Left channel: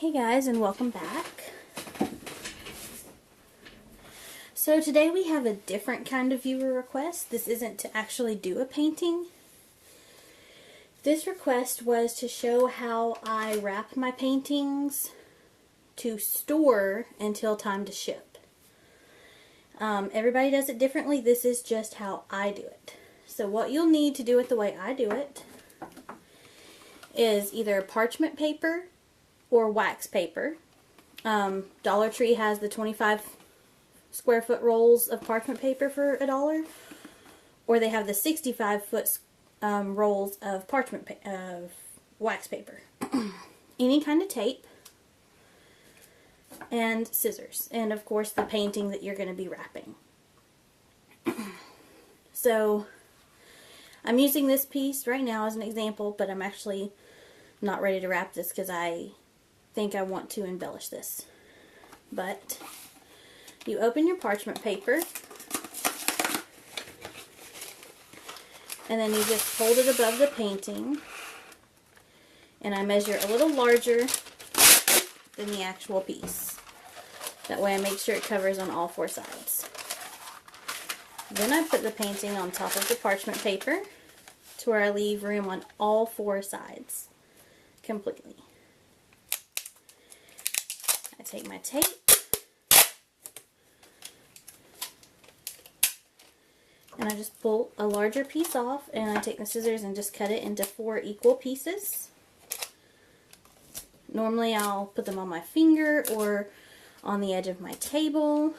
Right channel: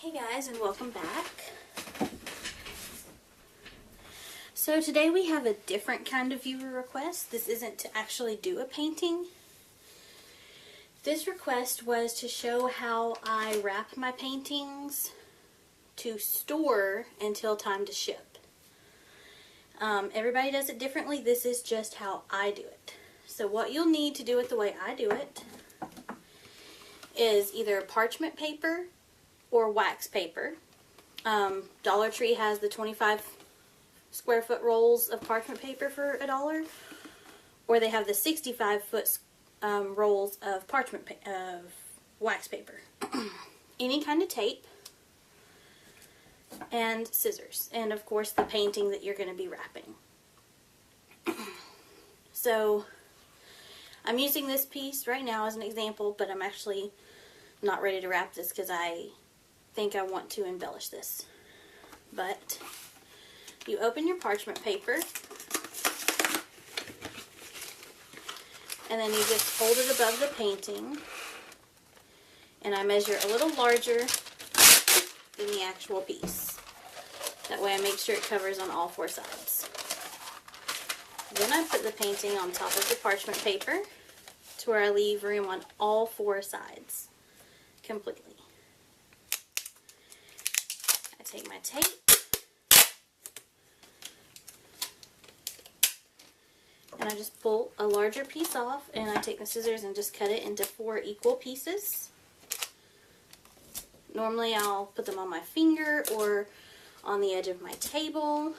Hey guys, and welcome back. So today we have a different kind of viewer request. This isn't to actually do a painting. This request was to show how I wrap my paintings to store until time to ship. Everybody does it differently. This is just how I do it. So what you'll need to do it the way I do it is either parchment paper or wax paper. Dollar Tree has the 25 square foot rolls of parchment paper for $1, or they have the 65 foot rolls of wax paper. Any kind of tape, and scissors, and of course the painting that you're going to be wrapping. So I'm using this piece right now as an example, but I'm actually not ready to wrap this because I think I want to embellish this. But you open your parchment paper and then you just hold it above the painting, and I measure a little larger than the actual piece. That way I make sure it covers on all 4 sides. Then I put the painting on top of the parchment paper to where I leave room on all 4 sides completely. I take my tape and I just pull a larger piece off, and I take the scissors and just cut it into 4 equal pieces. Normally I'll put them on my finger or on the edge of my table.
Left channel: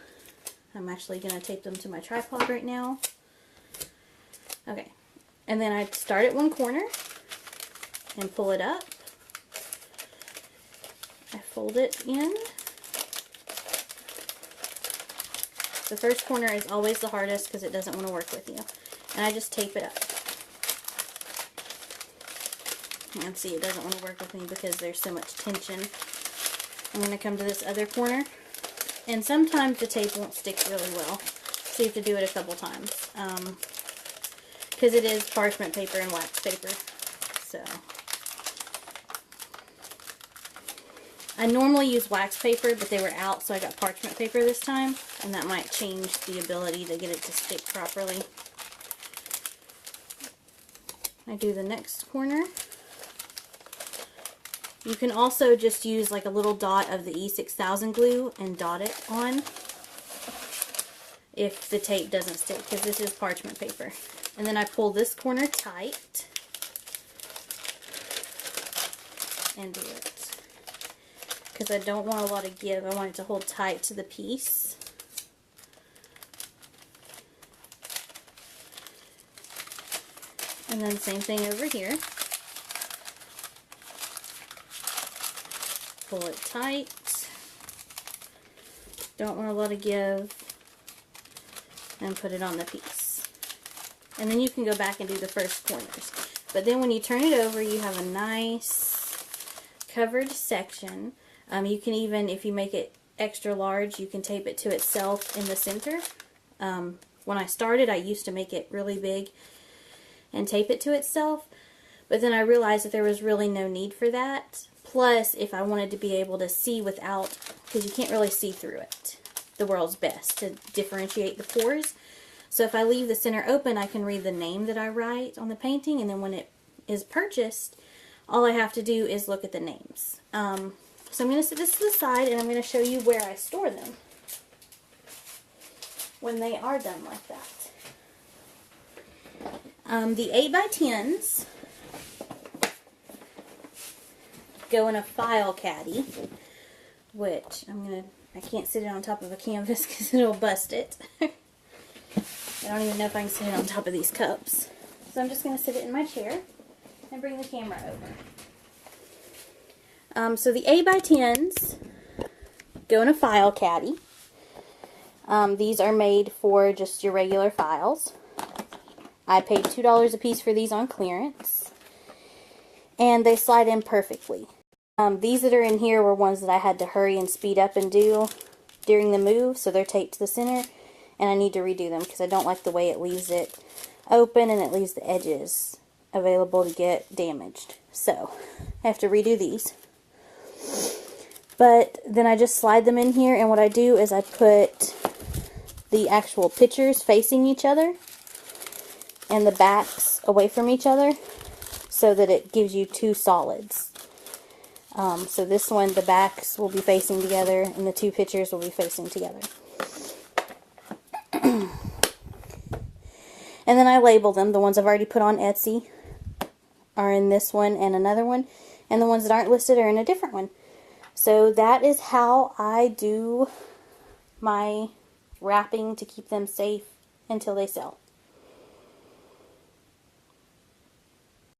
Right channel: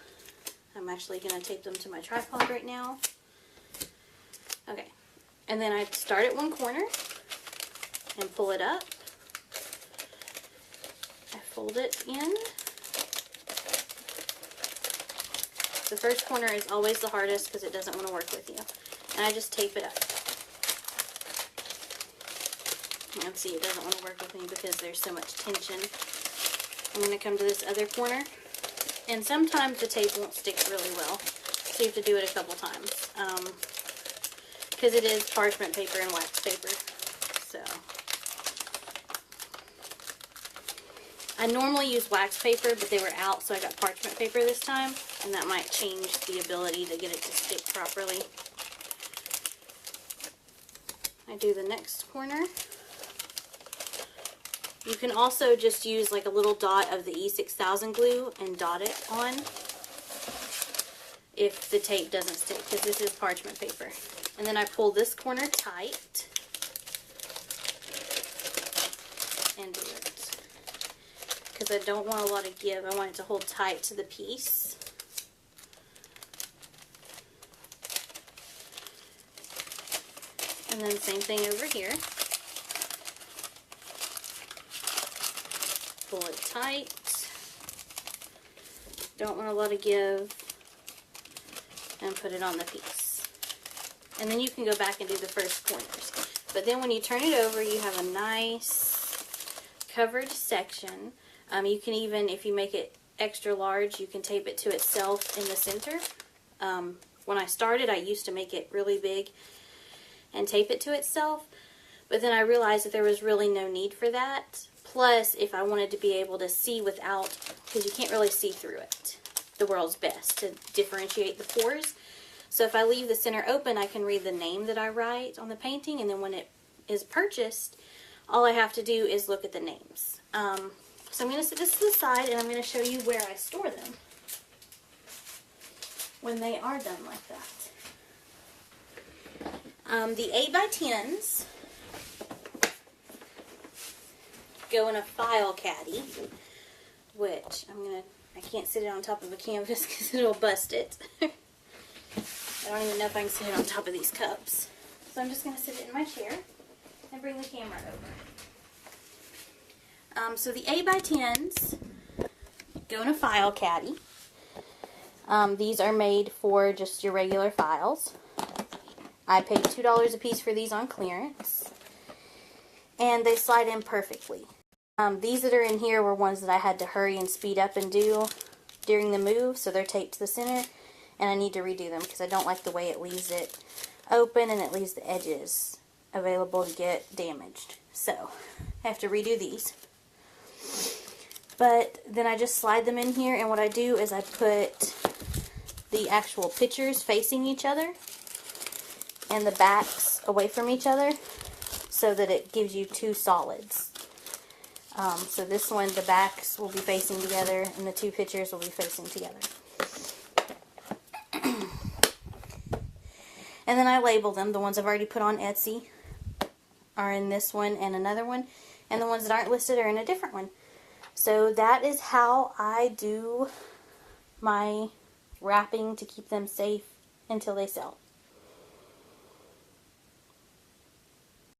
I'm actually going to tape them to my tripod right now. Okay, and then I start at one corner and pull it up. I fold it in. The first corner is always the hardest because it doesn't want to work with you. And I just tape it up. And see, it doesn't want to work with me because there's so much tension. I'm going to come to this other corner. And sometimes the tape won't stick really well, so you have to do it a couple times. Because it is parchment paper and wax paper. So I normally use wax paper, but they were out, so I got parchment paper this time, and that might change the ability to get it to stick properly. I do the next corner. You can also just use like a little dot of the E6000 glue and dot it on if the tape doesn't stick, because this is parchment paper. And then I pull this corner tight and do it. Because I don't want a lot of give. I want it to hold tight to the piece. And then same thing over here. Pull it tight. Don't want a lot of give. And put it on the piece. And then you can go back and do the first corners. But then when you turn it over, you have a nice covered section. You can even, if you make it extra large, you can tape it to itself in the center. When I started, I used to make it really big and tape it to itself. But then I realized that there was really no need for that. Plus, if I wanted to be able to see without, because you can't really see through it, the world's best to differentiate the pores. So if I leave the center open, I can read the name that I write on the painting, and then when it is purchased, all I have to do is look at the names. So I'm going to set this to the side, and I'm going to show you where I store them when they are done like that. The 8x10s go in a file caddy, which I can't sit it on top of a canvas because it'll bust it. I don't even know if I can sit it on top of these cups. So I'm just going to sit it in my chair and bring the camera over. So the 8x10s go in a file caddy. These are made for just your regular files. I paid $2 a piece for these on clearance. And they slide in perfectly. These that are in here were ones that I had to hurry and speed up and do during the move, so they're taped to the center. And I need to redo them because I don't like the way it leaves it open and it leaves the edges available to get damaged. So I have to redo these. But then I just slide them in here, and what I do is I put the actual pictures facing each other and the backs away from each other so that it gives you two solids. So this one, the backs will be facing together and the two pictures will be facing together. And then I label them. The ones I've already put on Etsy are in this one and another one, and the ones that aren't listed are in a different one. So that is how I do my wrapping to keep them safe until they sell.